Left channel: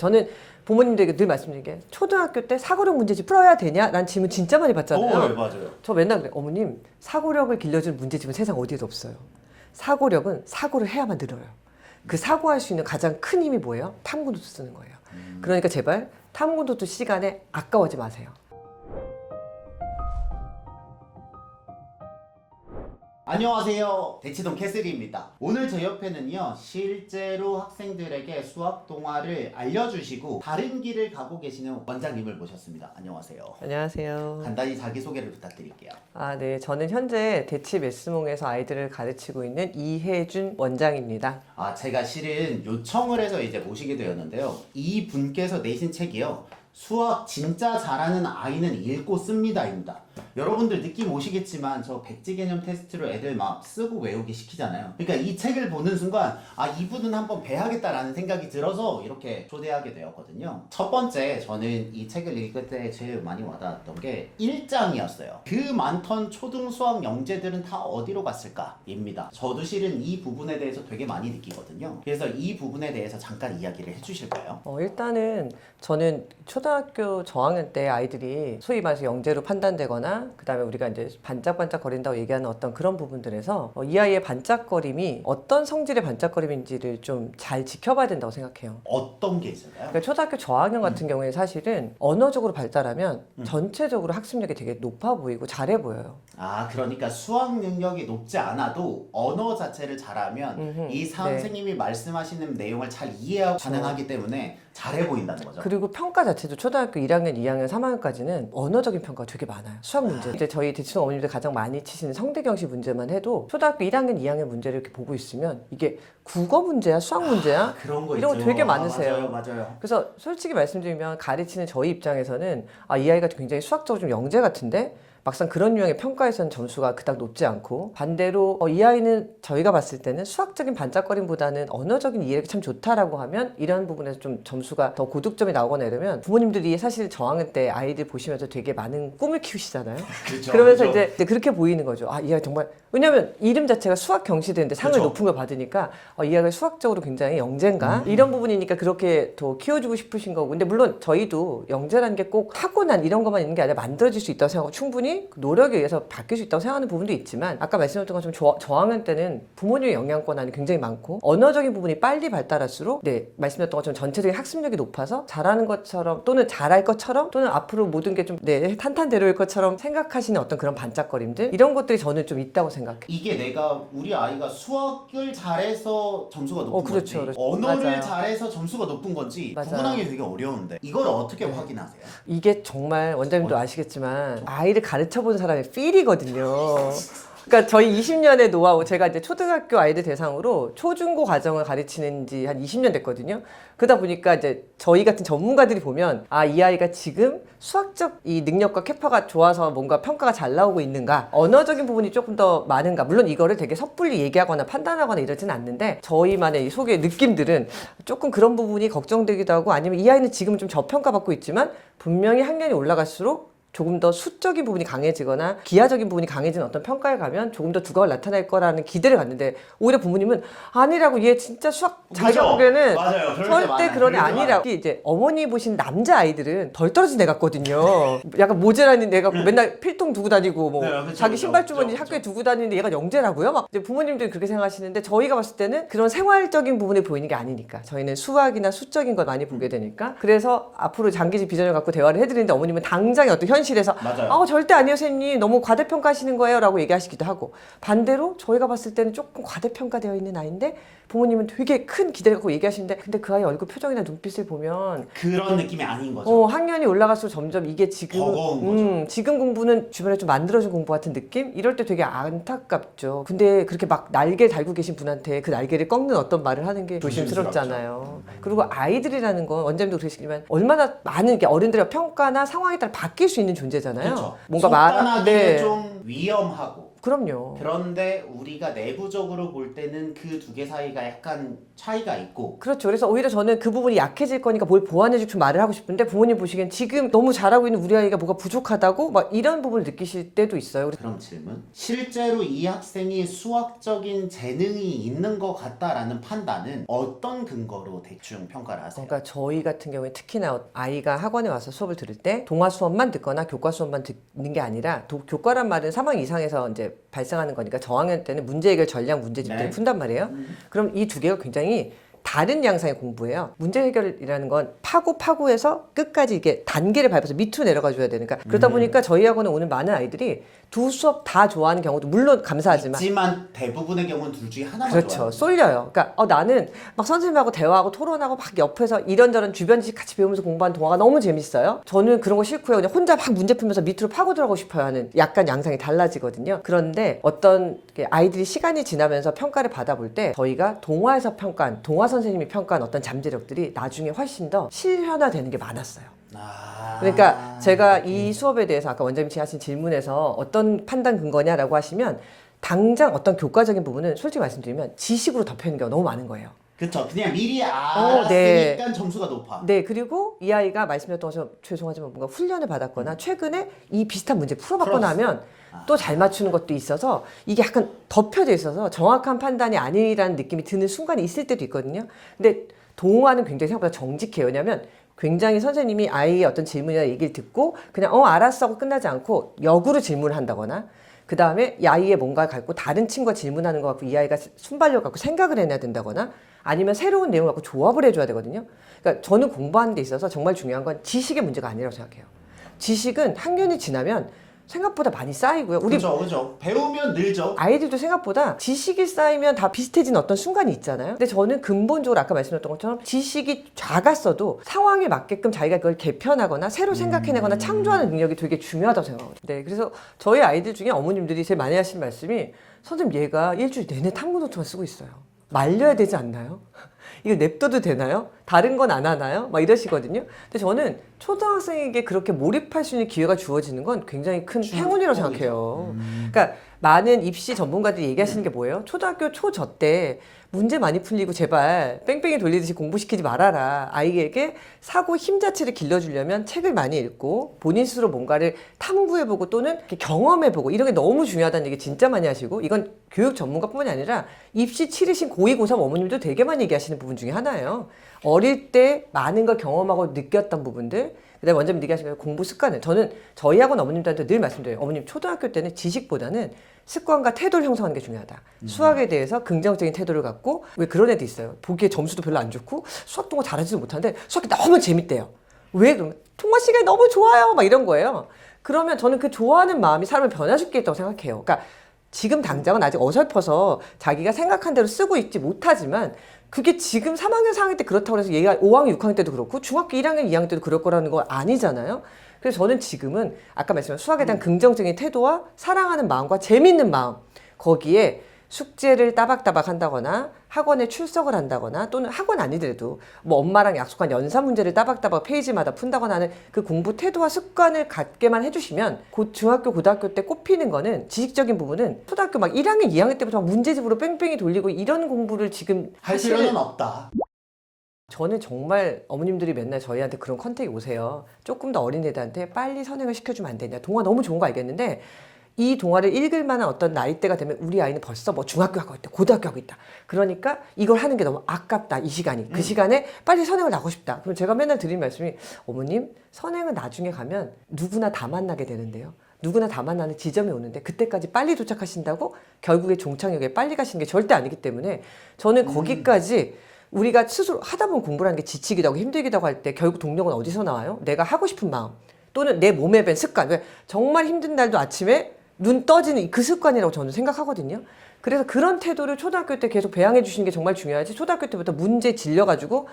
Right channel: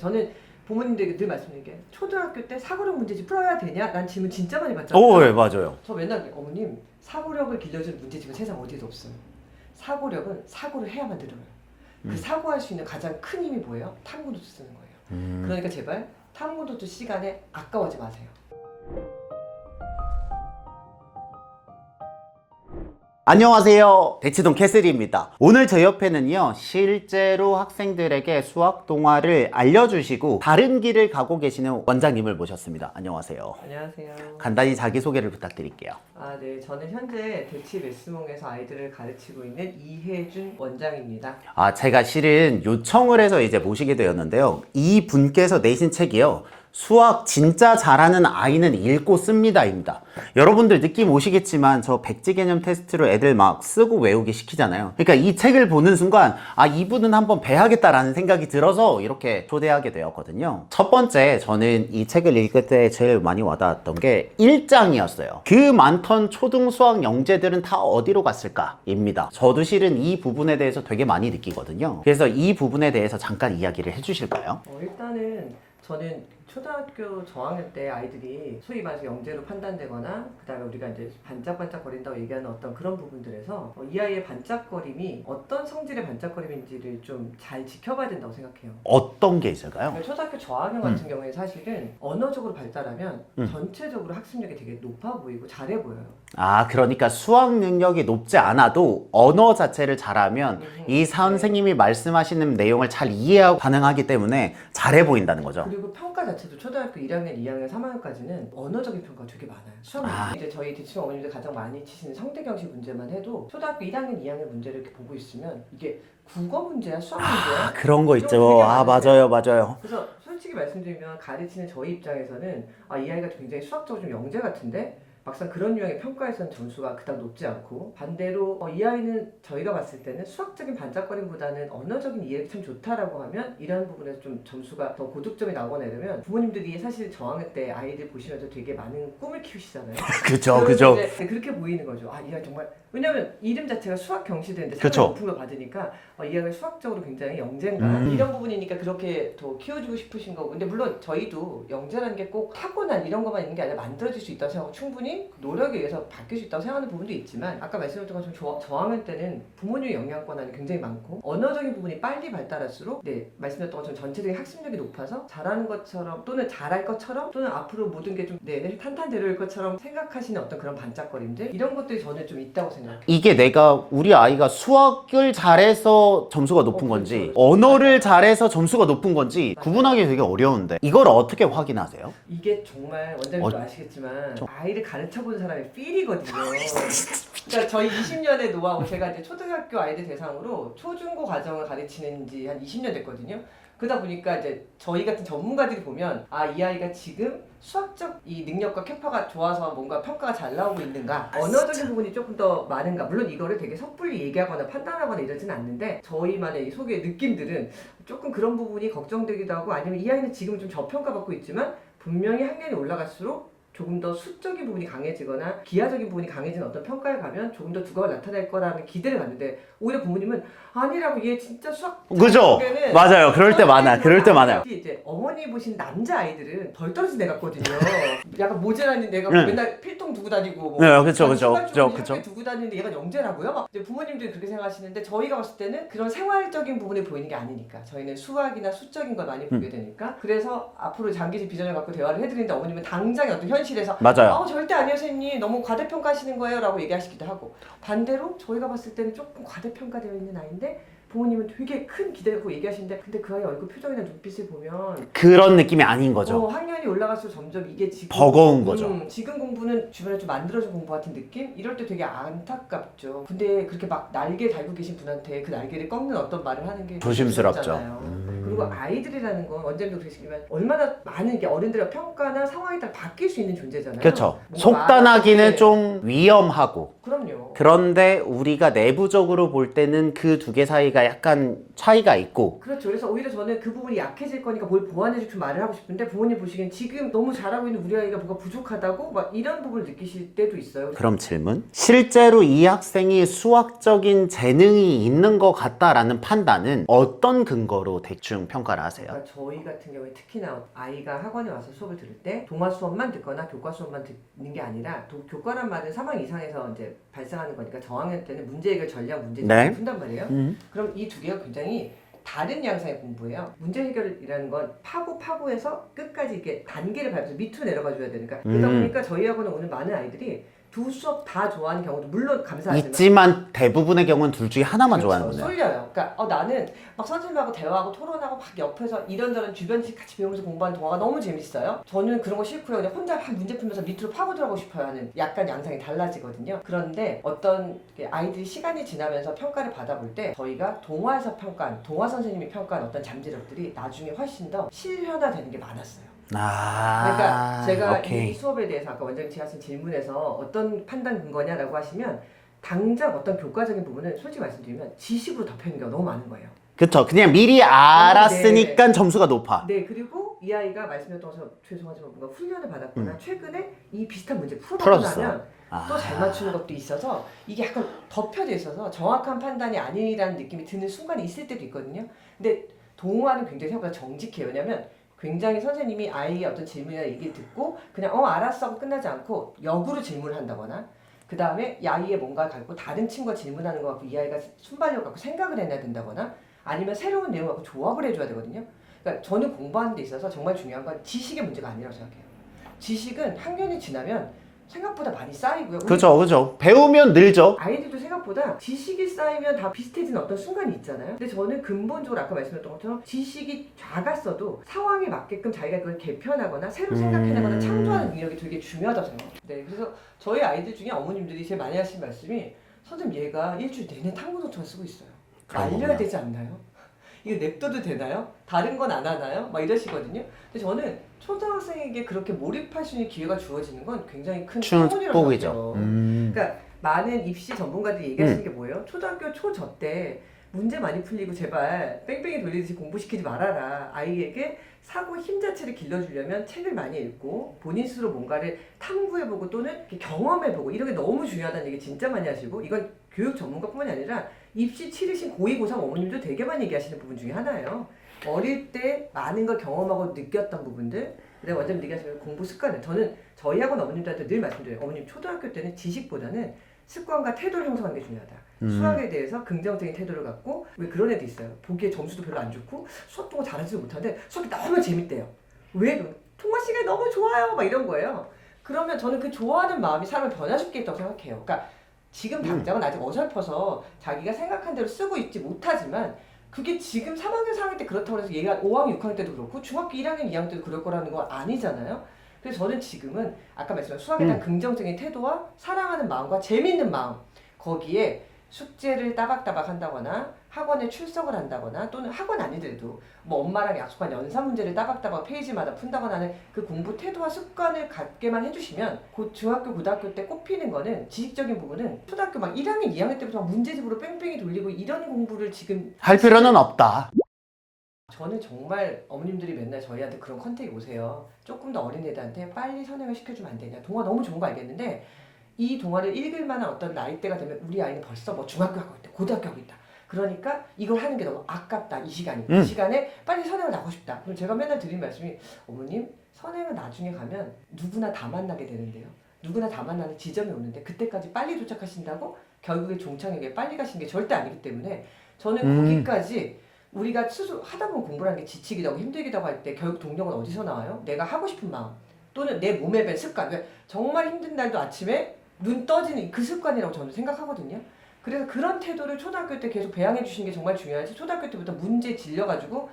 저는 부모님들에게 늘 말씀드린 게 초등학교 때 사고력 문제집 풀어야 되냐? 라는 질문 진짜 많이 받잖아요. 오, 네, 맞아요. 저 맨날 그래. 어머님, 사고력을 길러주는 문제집은 세상 어디에도 없어요. 사고력은 사고를 해야만 늘어요. 그 사고할 수 있는 가장 큰 힘이 뭐예요? 탐구노트 쓰는 거예요. 그러니까 제발 탐구노트 시간에 아까워하지 마세요. 안녕하세요, 대치동 캐슬입니다. 오늘 저 옆에는요, 실제로 학생들에게 수학 동화를 알려주시고 다른 길을 가고 계시는 원장님을 모셨습니다. 안녕하세요. 안녕하세요. 간단히 자기소개를 부탁드릴게요. 네. 저는 현재 대치 메스몽에서 아이들을 가르치고 있는 이혜준 원장입니다. 제가 실은 요청을 해서 이제 모시게 되었는데요. 이 분께서 내신 책이요, 수학 진짜 잘하는 아이는 읽고 씁니다입니다. 여러분들 느낌 오시겠지만 저 백지 개념 테스트로 애들 막 쓰고 외우게 시키잖아요. 그러니까 이 책을 보는 순간 이분은 한번 배워야겠다라는 생각이 들어서 이렇게 초대하게 되었거든요. 첫 번째, 저는 이 책을 읽을 때 제일 많이 와닿았던 게 1장이었어요. 그 많던 초등 수학 영재들은 다 어디로 갔을까? 입니다. 저도 실은 이 부분에 대해서 되게 많이 느끼거든요. 그래서 이 부분에 대해서 잠깐 이야기를 해주실까요? 일단은 저는 초등학교 저학년 때 아이들이 소위 말해서 영재로 판단되거나 그 다음에 우리가 이제 반짝반짝 거린다고 얘기하는 어떤 그런 부분들에서 이 아이의 반짝거림이 어떤 성질의 반짝거림인지를 좀 잘 지켜봐야 된다고 생각해요. 어떤 게 있을까요? 그러니까 초등학교 저학년 같은 경우에 사실은 언어적으로 발달하면 전체적으로 학습력이 되게 높아 보이고 잘해 보여요. 그러니까 수학 능력이 높지 않아도 언어 자체를 잘하면 이 선생님이 말씀하시는 내용을 잘 이해하고 가능하기 때문에 잘해 보인다는 거죠. 그리고 평가 자체도 초등학교 1학년, 2학년, 3학년까지는 언어적인 평가가 되게 많아요. 수학 문제. 이제 저희 대치동 어머님들 가장 많이 치시는 성대경시 문제만 해도 초등학교 1학년, 2학년 문제를 이렇게 보고 있으면 이게 국어 문제야, 수학 문제야? 그런 거 이런 있죠. 거 되게 많으세요. 맞아요. 그래서 솔직히 말씀드리면 가르치는 저희 입장에서는 이 아이가 굉장히 수학적으로 좀 영재 같은데 막상 그런 유형의 평가에서는 점수가 그닥 높지 않고, 반대로 이 아이는 저희가 봤을 때는 수학적인 반짝거림보다는 언어적인 이해력이 참 좋다라고 하면 이러한 부분에서 좀 점수가 더 고득점이 나오거나 이러면 부모님들이 사실 저학년 때 아이들 보시면서 되게 많은 꿈을 키우시잖아요. 그렇죠. 그러면서 그죠. 이제 그렇게 보이는 거죠. 이 아이 정말, 왜냐면 이름 자체가 수학 경시대인데 상을 그쵸. 높은 걸 받으니까 이 아이가 수학적으로 굉장히 영재인가? 이런 부분이니까 그렇게 더 키워주고 싶으신 거고. 근데 물론 저희도 영재라는 게 꼭 타고난 이런 것만 있는 게 아니라 만들어질 수 있다고 생각하고 충분히 그 노력에 의해서 바뀔 수 있다고 생각하는 부분도 있지만, 아까 말씀드렸던 것처럼 저학년 때는 부모님의 영향권 안에 굉장히 많고 언어적인 부분이 빨리 발달할수록 말씀드렸던 것처럼 전체적인 학습력이 높아서 잘하는 것처럼 또는 잘할 것처럼 또는 앞으로 모든 게 좀 탄탄대로일 것처럼 생각하시는 어떤 그런 반짝거림들, 이런 것들이 저는 좀 있다고 생각해요. 이게 우리 아이가 수학을 잘해서 점수가 높은 그렇죠, 건지 그렇죠. 언어를 맞아요. 잘해서 점수가 높은 건지 맞아요. 구분하기 되게 어려운데 이걸 어떻게 확인하세요? 이게 정말 원장님도 아시겠지만 아이를 가르쳐본 사람의 필이거든요. 그러니까 저희 20년의 노하우, 제가 이제 초등학교 아이들 대상으로 초중고 과정을 가르치는 지 한 20년 됐거든요. 그러다 보니까 이제 저희 같은 전문가들이 보면 이 아이가 지금 수학적 이 능력과 캐파가 좋아서 뭔가 평가가 잘 나오고 있는가, 언어적인 부분이 조금 더 많은가. 물론 이거를 되게 섣불리 얘기하거나 판단하거나 이러지는 않는데 저희만의 이 속의 느낌들은 조금 그런 부분이 걱정되기도 하고, 아니면 이 아이는 지금 좀 저평가받고 있지만 분명히 학년이 올라갈수록 조금 더 수적인 부분이 강해지거나 기하적인 부분이 강해지는 어떤 평가에 가면 조금 더 두각을 나타낼 거라는 기대를 갖는데, 오히려 부모님은 아니라고, 얘 진짜 수학 그죠? 잘하면은 맞아요. 그럴 때 많아요. 그럴 때 많아요. 특히 이제 어머니 보신 남자 아이들은 덜 떨어진 애 같거든요. 약간 모자라는 애가 맨날 필통 두고 다니고 뭐 네, 그쵸, 자기 그쵸, 신발 주머니 그쵸, 학교에 그쵸. 두고 다니는데 얘가 영재라고요? 막 이제 부모님들이 그렇게 생각하시는데 저희가 봤을 때는 그런 생활적인 부분에 보이는 게 아니니까, 저희는 수학이나 수적인 걸 많이 보게 되니까. 그래서 앞으로 장기적 비전을 갖고 대화를 해드리는데 어머님은 당장에 어떤 현실에서 맞아요. 절대 아니에요 선생님, 너무 과대평가하시는 거예요 라고 얘기하시기도 하고, 반대로 저희가 봤을 때는 조금 과대평가되어 있는 아이인데 부모님은 되게 큰 기대를 갖고 얘기하시는데, 근데 그 아이 얼굴 표정이나 눈빛을 보면 그런 느낌이 아닌 거죠. 학년이 올라갈수록 점점 이게 지금 버거운 거죠. 지금 공부는 주변에 좀 만들어준 공부 같은 느낌? 이럴 때 되게 안타깝죠. 근데 그렇게 막 날개 달고 계신 분한테 그 날개를 꺾는 어떤 말을 하는 게 조심스럽죠. 조심스럽잖아요. 그리고 아이들이라는 건 원장님도 그러시지만 얼마나 많은 게 어른들의 평가나 상황에 따라 바뀔 수 있는 존재잖아요. 그렇죠. 뭔가 속단하기는 좀 위험하고, 그럼요. 그런데 우리가 내부적으로 볼 때는 그 두 개 사이가 아이가 약간 차이가 있고. 그렇죠. 그래서 오히려 저는 그 부분이 약해질 거니까 뭘 보완해주고 좀 말을 하고 싶은데 부모님 보시기엔 지금 너무 잘하고 있는 우리 아이가 뭐가 부족하다고 막 이런 부분을 느끼실 때도 있어요. 그럼 질문. 실제로 이 학생이 수학적인 재능이 있는 것 같다라는 판단은 어떤 근거로 대충 평가를 하세요? 그러니까 저희 같은 경우에 특히나 아이가 학원에 와서 수업을 들을 때 동화 수업만 듣거나 교과 수업만 듣는 게 아니라 교과란 말은 3학년 이상에서 이제 발생하는 거니까 저학년 때는 문제 해결 전략 문제집 네. 푼단 말이에요. 그럼 이 두 개가 굉장히 다른 양상의 공부예요. 문제 해결이라는 건 파고해서 끝까지 이게 단계를 밟아서 밑으로 내려가 줘야 되니까 그러다 보니까 저희 학원에 오는 많은 아이들이 두 수업 다 좋아하는 경우도 물론 감사하지만 있지만 대부분의 경우는 둘 중에 하나만 그렇죠. 좋아하는 거예요. 쏠려요. 그러니까 나는 막 선생님하고 대화하고 토론하고 막 옆에서 이런저런 주변 지식 같이 배우면서 공부하는 동화가 너무 재밌어요. 저는 그런 거 싫고요. 그냥 혼자 막 문제 풀면서 밑으로 파고 들어가고 싶어요 하는 약간 양상이 달라지거든요. 그런데 어떤 아이들이 시간이 지나면서 평가를 받아볼 때 저희가 동화에서 평가한 동화 선생님이 평가한 어떤 잠재력들이 나중에 훨씬 더 실현화되는 게 많았어요. 그러니까 제가 오케이. 이 수업에 대해서 아까 원장님 하신 질문에서 어떤 판단 근거냐라고 하시면 당장 어떤 교과적인 부분은 솔직히 말씀드리면 지식으로 덮여있는 경우가 너무 많은 거예요. 그쵸. 그냥 미리 알았으니까 점수가 높아. 네, 그리고 이 아이가 말씀드렸던 것처럼 죄송하지만 뭔가 훈련을 받았거나 최근에 이 비슷한 문제 풀어봤거나 풀었어. 하면 또 잘 맞추는 것도 있어서 이게 약간 덮여져 있어서 정확한 판단이 아니라는 느낌이 드는 순간이 있을 때도 있거든요. 근데 동화는 굉장히 생각보다 정직해요. 왜냐하면 굉장히 선생님이 아이의 어떤 질문이나 얘기를 듣고 그냥 알았어 하고 끝나지 않고 역으로 질문을 한다거나 그 다음에 이 아이의 뭔가를 갖고 다른 친구가 질문하는 거 갖고 이 아이가 순발력 갖고 생각을 해내야 된다거나 아니면 새로운 내용 갖고 조합을 해줘야 되거든요. 그러니까 저는 공부하는 데 있어서 정말 중요한 건 지식의 문제가 아니라고 생각해요. 지식은 학년이 지나면 생각보다 많이 쌓이고요. 우리 그죠. 배우면 늘죠. 아이들도 생각보다 지식이 쌓이면 다 비슷해지는 어떤 순간이 있잖아요. 근데 저는 근본적으로 아까 말씀드렸던 것처럼 지식이 작았어도 상황에 맞게끔 자기가 그걸 개편하거나 새로 생각해내거나 창조하는 능력이 되게 중요하다고 생각해요. 네, 그래서 저희 아이들 중에 어머님들이 제일 많이 하시는 말씀이 선생님 얘가 일주일 내내 탐구 노트만 쓰고 있어요. 말려야 되지 않나요? 이거 냅둬도 되나요? 다른 건 안 하나요? 막 이러시거든요. 근데 저는 초등학생에게 그렇게 몰입할 수 있는 기회가 주어지는 건 굉장히 큰 행운이라고 생각해요. 그러니까 많은 입시 전문가들이 얘기하시는 게 뭐예요? 초등학교 초저 때 문제 많이 풀리고 제발 뺑뺑이 돌리듯이 공부시키지 말아라. 아이에게 사고 힘 자체를 길러주려면 책을 많이 읽고 본인 스스로 뭔가를 탐구해보고 또는 이렇게 경험해보고 이런 게 너무 중요하다는 얘기 진짜 많이 하시고 이건 교육 전문가뿐만이 아니라 입시 치르신 고2, 고3 어머님도 되게 많이 얘기하시는 부분 중에 하나예요. 어릴 때 많은 걸 경험하고 느꼈던 부분들 그다음에 원장님 얘기하시면 공부 습관을 저는 저희 학원 어머님들한테 늘 말씀드려요. 어머님 초등학교 때는 지식보다는 습관과 태도를 형성하는 게 중요하다. 수학에 대해서 긍정적인 태도를 갖고 왜 그런 애도 있어요. 보기에 점수도 별로 안 좋고 수학 동화 잘하지도 못하는데 수학이 너무 재밌대요. 왜 그러면 통화 시간이 너무 좋아요. 막 이런 거예요. 그러면 저는 그 좋아하는 마음이 사람을 변화줄 게 있다고 생각해요. 그러니까 지금 당장은 아직 어설퍼서 자기가 생각한 대로 쓰고 있지 못하지만 그게 지금 3학년, 4학년 때 그렇다고 해서 얘가 5학년, 6학년 때도 그렇고 중학교 1학년, 2학년 때도 그럴 거라는 거 아니잖아요. 그래서 저는 지금은 아까 말씀한 수학에 대한 긍정적인 태도와 사랑하는 마음과 재미있는 마음 거기에 숙제를 따박따박 한다거나 학원에 출석을 한다거나 또는 학원 아니더라도 뭐 엄마랑 약속한 연사 문제를 따박따박 페이지마다 푼다거나 하는 그 공부 태도와 습관을 갖게만 해주시면 곧 중학교, 고등학교 때 꼽히는 거는 지식적인 부분은 초등학교 막 1학년, 2학년 때부터 막 문제집으로 뺑뺑이 돌리고 이런 공부를 지금 할 필요는 없다. 저는 정말 어머님들이 맨날 저희한테 그런 컨택이 오세요. 조금 더 어린 애들한테 빨리 선행을 시켜주면 안 되냐. 동화 너무 좋은 거 알겠는데 이 동화를 읽을 만한 어떤 나이대가 되면 우리 아이는 벌써 뭐 중학교 하고 있다. 고등학교 하고 있다. 그러니까 이걸 하는 게 너무 아깝다. 이 시간이. 그 시간에 빨리 선행을 나고 싶다. 그럼 제가 맨날 드리는 말씀이 어머님 선행은 나중에 가면 누구나 다 만나게 되는데요. 누구나 다 만나는 지점이 오는데 그때까지 빨리 도착하신다고 결국에 종착역에 빨리 가시는 게 절대 아니기 때문에 저는 거기까지 우리가 스스로 하다 보면 공부라는 게 지치기도 하고 힘들기도 하고 할 때 결국 동력은 어디서 나와요? 내가 하고 싶은 마음 또는 내 몸에 밴 습관. 정말 힘든 날도 아침에 눈 떠지는 그 습관이라고 저는 생각하거든요. 그래서 그런 태도를 초등학교 때 계속 배양해 주시는 게 정말 중요하지. 초등학교 때부터 문제 질려가지고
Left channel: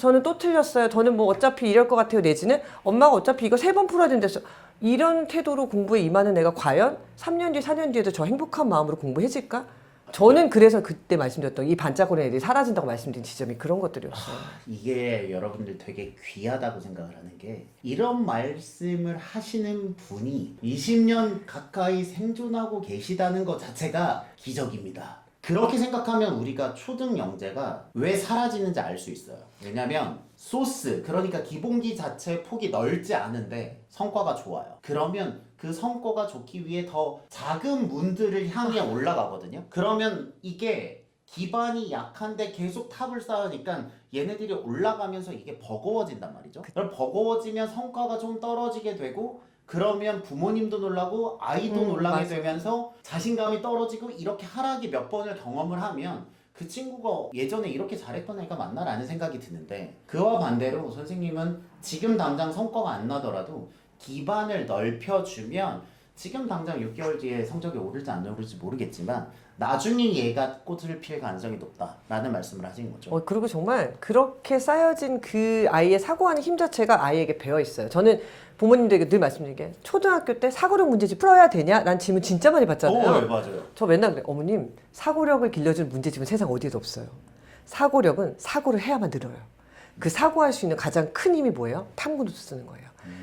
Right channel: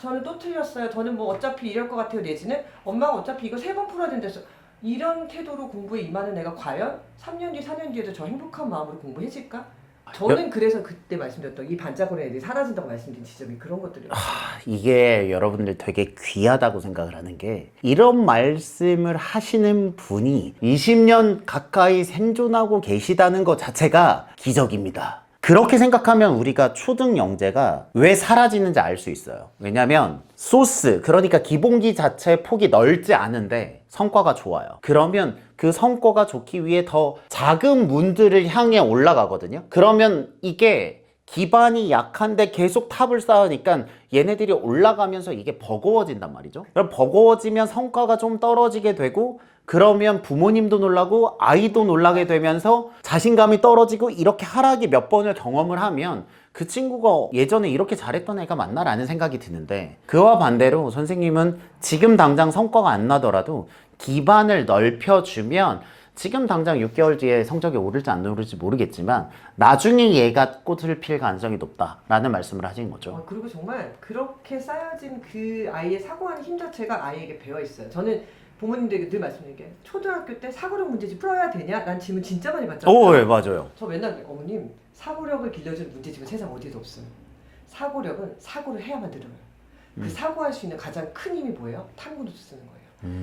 저는 또 틀렸어요. 저는 뭐 어차피 이럴 것 같아요. 내지는 엄마가 어차피 이거 3번 풀어야 된댔어. 이런 태도로 공부에 임하는 애가 과연 3년 뒤, 4년 뒤에도 저 행복한 마음으로 공부해질까? 저는 그래서 그때 말씀드렸던 이 반짝거리는 애들이 사라진다고 말씀드린 지점이 그런 것들이었어요. 이게 여러분들 되게 귀하다고 생각을 하는 게 이런 말씀을 하시는 분이 20년 가까이 생존하고 계시다는 것 자체가 기적입니다. 그렇게 생각하면 우리가 초등 영재가 왜 사라지는지 알 수 있어요. 왜냐면 소스, 그러니까 기본기 자체 폭이 넓지 않은데 성과가 좋아요. 그러면 그 성과가 좋기 위해 더 작은 문들을 향해 올라가거든요. 그러면 이게 기반이 약한데 계속 탑을 쌓으니까 얘네들이 올라가면서 이게 버거워진단 말이죠. 그럼 버거워지면 성과가 좀 떨어지게 되고, 그러면 부모님도 놀라고 아이도 놀라게 되면서 자신감이 떨어지고, 이렇게 하락이 몇 번을 경험을 하면 그 친구가 예전에 이렇게 잘했던 애가 맞나라는 생각이 드는데, 그와 반대로 선생님은 지금 당장 성과가 안 나더라도 기반을 넓혀주면 지금 당장 6개월 뒤에 성적이 오를지 안 오를지 모르겠지만 나중에 얘가 꽃을 필 가능성이 높다라는 말씀을 하신 거죠. 그리고 정말 그렇게 쌓여진 그 아이의 사고하는 힘 자체가 아이에게 배어 있어요. 저는 부모님들에게 늘 말씀드린 게, 초등학교 때 사고력 문제집 풀어야 되냐? 라는 질문 진짜 많이 받잖아요. 네, 맞아요. 저 맨날 그래요. 어머님, 사고력을 길러주는 문제집은 세상 어디에도 없어요. 사고력은 사고를 해야만 늘어요. 그 사고할 수 있는 가장 큰 힘이 뭐예요? 탐구노트 쓰는 거예요.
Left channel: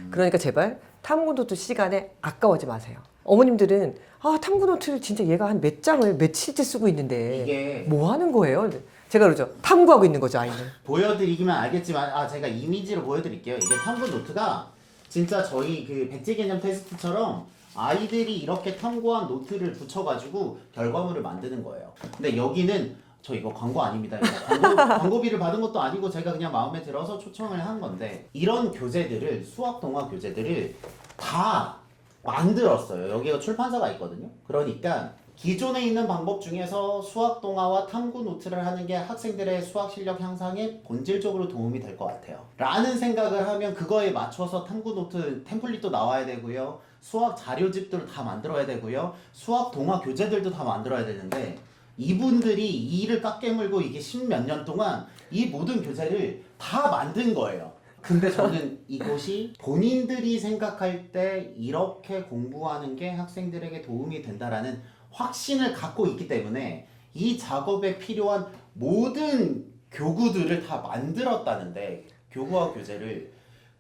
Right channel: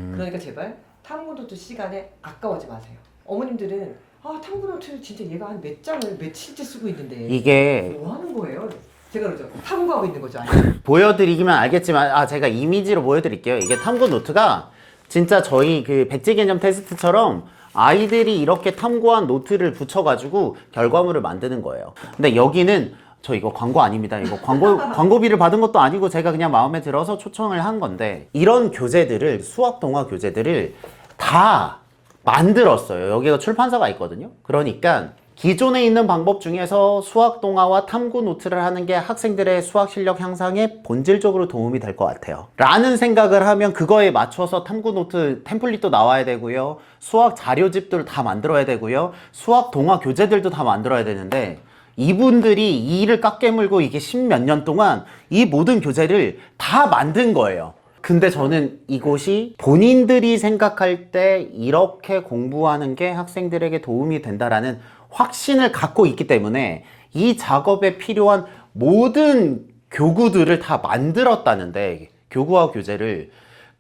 그러니까 제발 탐구노트 시간에 아까워하지 마세요. 어머님들은 탐구노트를 진짜 얘가 한 몇 장을 며칠째 쓰고 있는데 이게 뭐 하는 거예요? 제가 그러죠. 탐구하고 있는 거죠, 아이. 보여드리기만 알겠지만 제가 이미지로 보여드릴게요. 이게 탐구 노트가 진짜 저희 그 백지 개념 테스트처럼 아이들이 이렇게 탐구한 노트를 붙여가지고 결과물을 만드는 거예요. 근데 여기는 저 이거 광고 아닙니다. 이거 광고비를 받은 것도 아니고 제가 그냥 마음에 들어서 초청을 한 건데, 이런 교재들을, 수학 동화 교재들을 다 만들었어요. 여기가 출판사가 있거든요. 그러니까 기존에 있는 방법 중에서 수학 동화와 탐구 노트를 하는 게 학생들의 수학 실력 향상에 본질적으로 도움이 될 것 같아요 라는 생각을 하면, 그거에 맞춰서 탐구 노트 템플릿도 나와야 되고요, 수학 자료집들 다 만들어야 되고요, 수학 동화 교재들도 다 만들어야 되는데, 이분들이 이 일을 깎게물고 이게 10몇 년 동안 이 모든 교재를 다 만든 거예요. 근데 저는 이곳이 본인들이 생각할 때 이렇게 공부하는 게 학생들에게 도움이 된다라는 확신을 갖고 있기 때문에 이 작업에 필요한 모든 교구들을 다 만들었다는데, 교구와 교재를,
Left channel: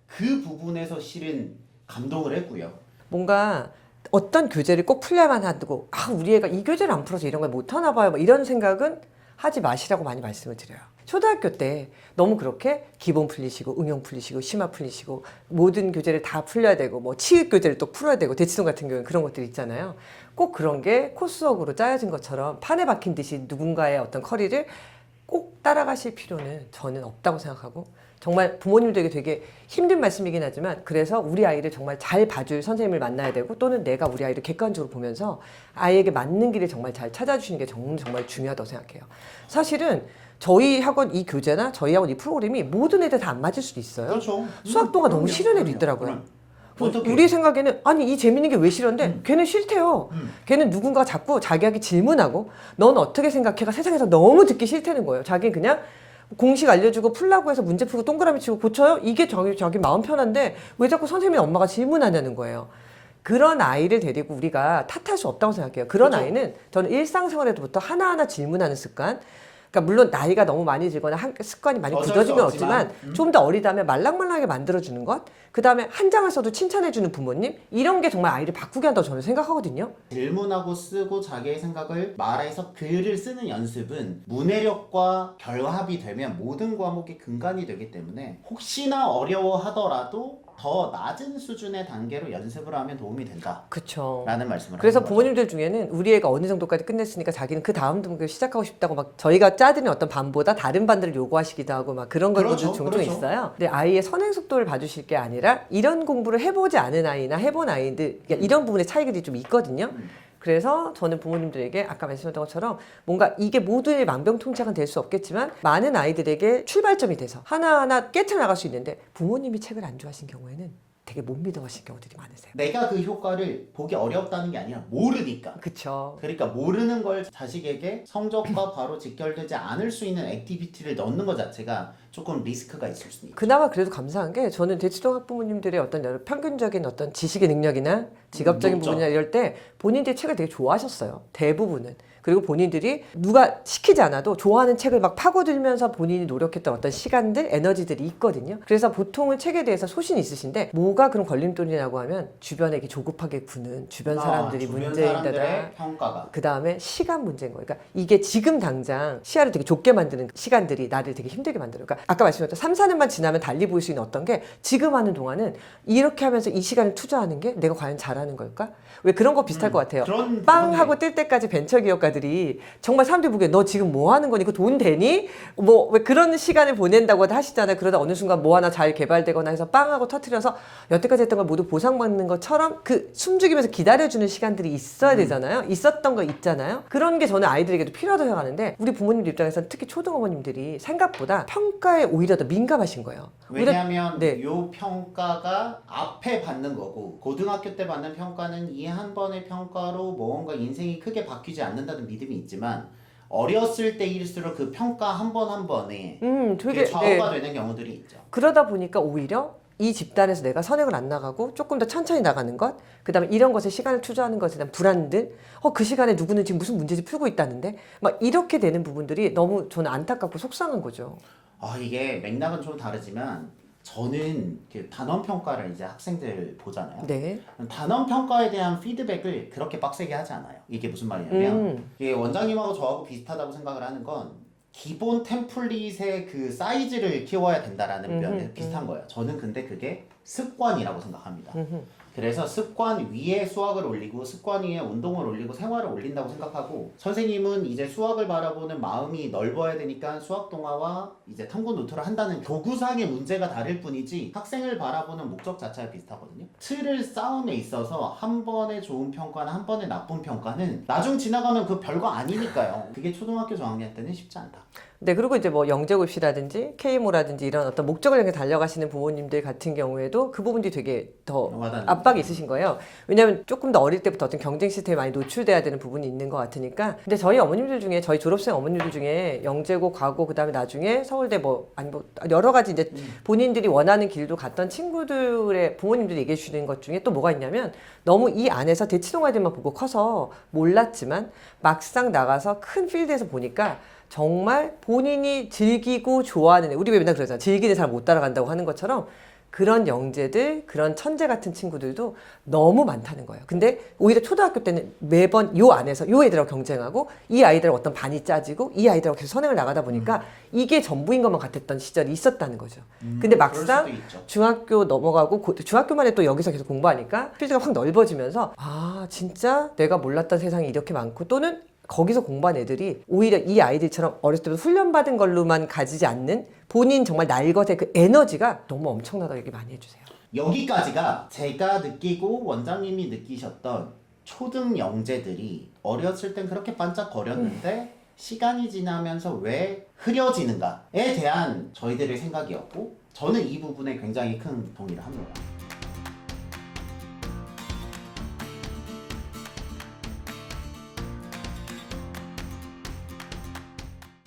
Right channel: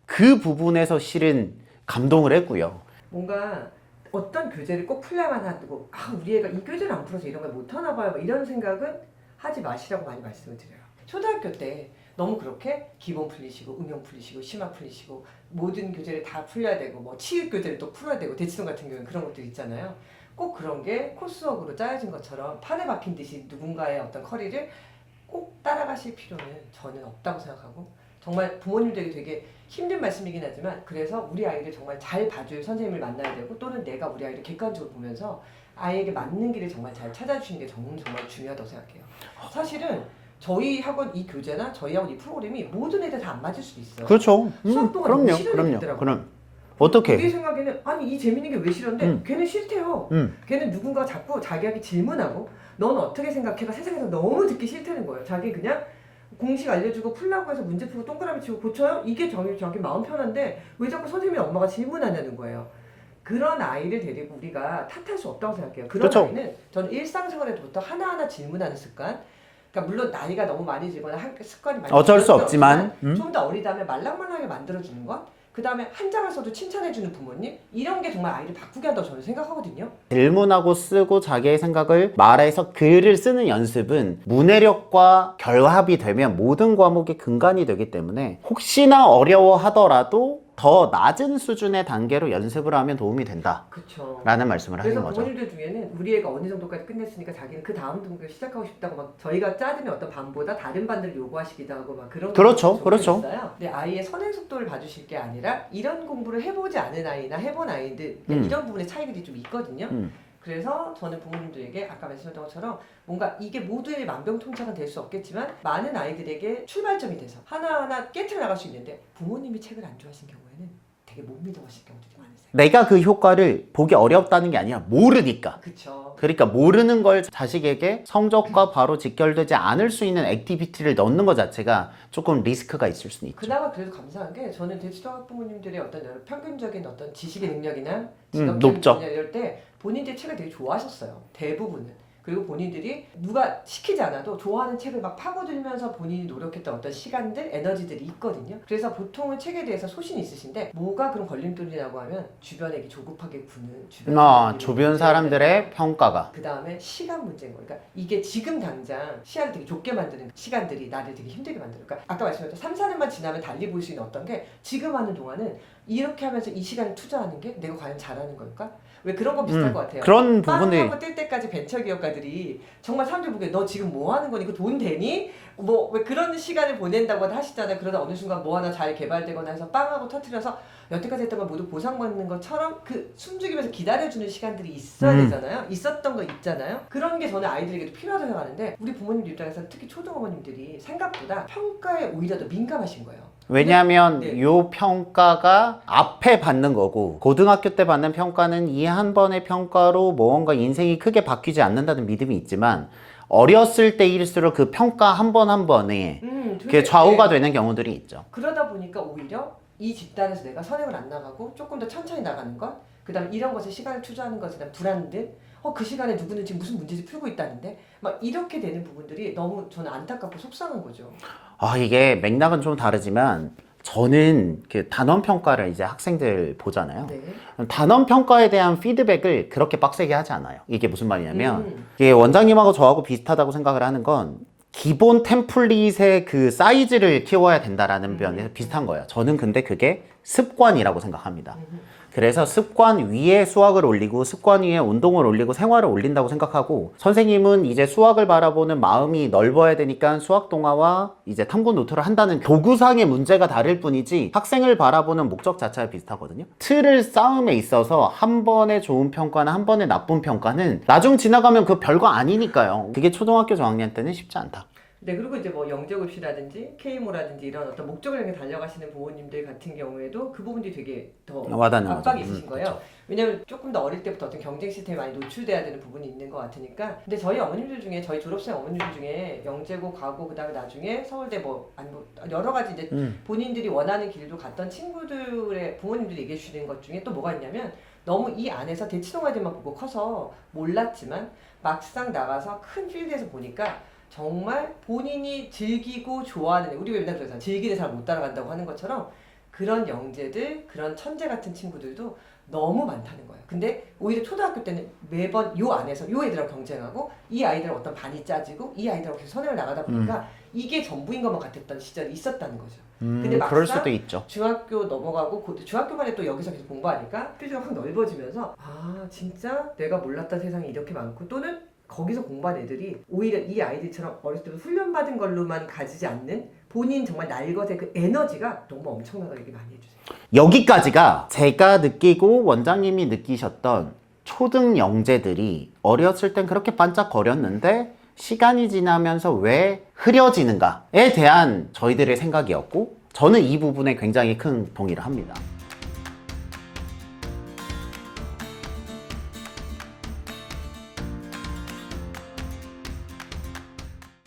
그 부분에서 실은 감동을 했고요. 뭔가 어떤 교재를 꼭 풀려야만 하고, 우리 애가 이 교재를 안 풀어서 이런 걸 못하나 봐요, 뭐 이런 생각은 하지 마시라고 많이 말씀을 드려요. 초등학교 때 너무 그렇게 기본 풀리시고 응용 풀리시고 심화 풀리시고 모든 교재를 다 풀려야 되고, 뭐 치읓 교재를 또 풀어야 되고, 대치동 같은 경우는 그런 것들이 있잖아요. 꼭 그런 게 코스웍으로 짜여진 것처럼 판에 박힌 듯이 누군가의 어떤 커리를 꼭 따라가실 필요는 저는 없다고 생각하고, 정말 부모님들에게 되게 힘든 말씀이긴 하지만, 그래서 우리 아이를 정말 잘 봐줄 선생님을 만나야 되고, 또는 내가 우리 아이를 객관적으로 보면서 아이에게 맞는 길을 정말 잘 찾아주시는 게 정말 중요하다고 생각해요. 사실은 저희 학원 이 교재나 저희 학원 이 프로그램이 모든 애들 다 안 맞을 수도 있어요. 그렇죠. 수학 동안 너무 그럼요, 싫은 애들 있더라고요. 그럼 어떻게? 우리 생각에는 이 재밌는 게 왜 싫은데 걔는 싫대요. 걔는 누군가 자꾸 자기에게 질문하고, 넌 어떻게 생각해가 세상에서 너무 듣기 싫다는 거예요. 자기는 그냥 공식 알려주고 풀라고 해서 문제 풀고 동그라미 치고 고쳐요? 이게 자기 마음 편한데 왜 자꾸 선생님이나 엄마가 질문하냐는 거예요. 그런 아이를 데리고 우리가 탓할 수 없다고 생각해요. 그런 그렇죠. 아이는 저는 일상생활에부터 하나하나 질문하는 습관, 그러니까 물론 나이가 너무 많이 들거나 습관이 많이 어쩔 수 들어지면 없지만, 좀 더 어리다면 말랑말랑하게 만들어주는 것, 그 다음에 한 장을 써도 칭찬해주는 부모님, 이런 게 정말 아이를 바꾸게 한다고 저는 생각하거든요. 질문하고 쓰고 자기의 생각을 말해서 글을 쓰는 연습은 문해력과 결합이 되면 모든 과목의 근간이 되기 때문에, 혹시나 어려워하더라도 더 낮은 수준의 단계로 연습을 하면 도움이 된다. 그렇죠. 라는 말씀을 그래서 하는 거죠. 부모님들 중에는 우리 애가 어느 정도까지 끝냈으니까 자기는 그 다음 등급을 시작하고 싶다고 막 저희가 짜드린 어떤 반보다 다른 반들을 요구하시기도 하고 막 그런 경우도 그렇죠, 종종 그렇죠. 있어요. 근데 아이의 선행 속도를 봐주실 게 아니라, 이런 공부를 해보지 않은 아이나 해본 아이들, 그러니까 이런 부분의 차이들이 좀 있거든요. 그래서 저는 부모님들에게 아까 말씀드렸던 것처럼 뭔가 이게 모두의 만병통치약은 될 수 없겠지만 많은 아이들에게 출발점이 돼서 하나하나 깨쳐나갈 수 있는데, 부모님이 책을 안 좋아하신 경우에는 되게 못 믿어하실 경우들이 많으세요. 내가 그 효과를 보기 어렵다는 게 아니라 모르니까. 그쵸. 그러니까 모르는 걸 자식에게 성적과 바로 직결되지 않을 수 있는 액티비티를 넣는 것 자체가 조금 리스크가 있을 수는 있죠. 그나마 그래도 감사한 게, 저는 대치동 학부모님들의 어떤 평균적인 어떤 지식의 능력이나 직업적인 높죠. 부분이나 이럴 때 본인들이 책을 되게 좋아하셨어요. 대부분은. 그리고 본인들이 누가 시키지 않아도 좋아하는 책을 막 파고들면서 본인이 노력했던 어떤 시간들, 에너지들이 있거든요. 그래서 보통은 책에 대해서 소신이 있으신데 뭐가 그런 걸림돌이라고 하면 주변에 이렇게 조급하게 구는 주변 사람들이 주변 사람들의 평가가. 그 다음에 시간 문제인 거예요. 그러니까 이게 지금 당장 시야를 되게 좁게 만드는 시간들이 나를 되게 힘들게 만들어요. 그러니까 아까 말씀드렸던 3, 4년만 지나면 달리 보일 수 있는 어떤 게 지금 하는 동안은 이렇게 하면서 이 시간을 투자하는 게 내가 과연 잘하는 걸까? 왜 그런 거 비슷할 것 같아요. 그런 빵 부분이 하고 뜰 때까지 벤처기업가들이 정말 사람들이 보기에 너 지금 뭐 하는 거니? 그 돈 되니? 뭐 왜 그런 시간을 보낸다고 하시잖아요. 그러다 어느 순간 뭐 하나 잘 개발되거나 해서 빵 하고 터트려서 여태까지 했던 걸 모두 보상받는 것처럼 그 숨죽이면서 기다려주는 시간들이 있어야 되잖아요. 있었던 거 있잖아요. 그런 게 저는 아이들에게도 필요하다고 생각하는데 우리 부모님들 입장에서는 특히 초등어머님들이 생각보다 평가에 오히려 더 민감하신 거예요. 왜냐하면 네. 요 평가가 앞에 받는 거고 고등학교 때 받는 평가는 이 한 번의 평가로 무언가 인생이 크게 바뀌지 않는다는 믿음이 있지만 어렸을 때일수록 그 평가 한 번 한 번에 그게 좌우가 되는 경우들이 있죠. 그러다 보니까 오히려 이 집단에서 내가 선행을 안 나가고 조금 더 천천히 나가는 것, 그 다음에 이런 것에 시간을 투자하는 것에 대한 불안들, 그 시간에 누구는 지금 무슨 문제를 풀고 있다는데 막 이렇게 되는 부분들이 너무 저는 안타깝고 속상한 거죠. 이게 맥락은 좀 다르지만 저는 그 단원 평가를 이제 학생들 보잖아요. 네. 단원 평가에 대한 피드백을 그렇게 빡세게 하지 않아요. 이게 무슨 말이냐면 이게 원장님하고 저하고 비슷하다고 생각을 하는 건 기본 템플릿의 그 사이즈를 키워야 된다라는 면에서 비슷한 거예요. 저는 근데 그게 습관이라고 생각합니다. 그래서 습관 위에 수학을 올리고 습관 위에 운동을 올리고 생활을 올린다고 생각하고 선생님은 이제 수학을 바라보는 마음이 넓어야 되니까 수학 동화와 이제 탐구 노트를 한다는 도구상의 문제가 다를 뿐이지 학생을 바라보는 목적 자체가 비슷하거든요. 틀을 쌓음에 있어서 한 번의 좋은 평가나 한 번의 나쁜 평가는 나중 지나가면 그 별거 아니니까요. 그게 초등학교 저학년 때는 쉽지 않다. 네, 그리고 이제 뭐 영재고시라든지 K모라든지 이런 어떤 목적을 향해 달려가시는 부모님들 같은 경우에도 그 부분들이 되게 더 와닿는 압박이 거죠. 있으신 거예요. 왜냐하면 조금 더 어릴 때부터 어떤 경쟁 시스템에 많이 노출돼야 되는 부분이 있는 것 같으니까. 근데 저희 어머님들 중에 저희 졸업생 어머님들 중에 영재고 가고 그다음에 나중에 서울대 뭐 아니 뭐 여러 가지 이제 본인들이 원하는 길도 갔던 친구들의 부모님들이 얘기해 주시는 것 중에 또 뭐가 있냐면 너무 이 안에서 대치동아들만 보고 커서 몰랐지만 막상 나가서 큰 필드에서 보니까 정말 본인이 즐기고 좋아하는 우리 왜 맨날 그러잖아. 즐기는 사람 못 따라간다고 하는 것처럼 그런 영재들, 그런 천재 같은 친구들도 너무 많다는 거예요. 근데 오히려 초등학교 때는 매번 요 안에서 요 애들하고 경쟁하고 이 아이들하고 어떤 반이 짜지고 이 아이들하고 계속 선행을 나가다 보니까 이게 전부인 것만 같았던 시절이 있었다는 거죠. 근데 그럴 막상 수도 있죠. 중학교 넘어가고 중학교만에 또 여기서 계속 공부하니까 필드가 확 넓어지면서 진짜 내가 몰랐던 세상이 이렇게 많고 또는 거기서 공부한 애들이 오히려 이 아이들처럼 어렸을 때부터 훈련받은 걸로만 가지지 않는 본인 정말 날것의 그 에너지가 너무 엄청나다고 얘기 많이 해주세요. 여기까지가 제가 느끼고 원장님이 느끼셨던 초등 영재들이 어렸을 땐 그렇게 반짝거렸는데 시간이 지나면서 왜 흐려지는가에 대한 저희들의 생각이었고 저는 이 부분에 굉장히 큰 동의를 합니다.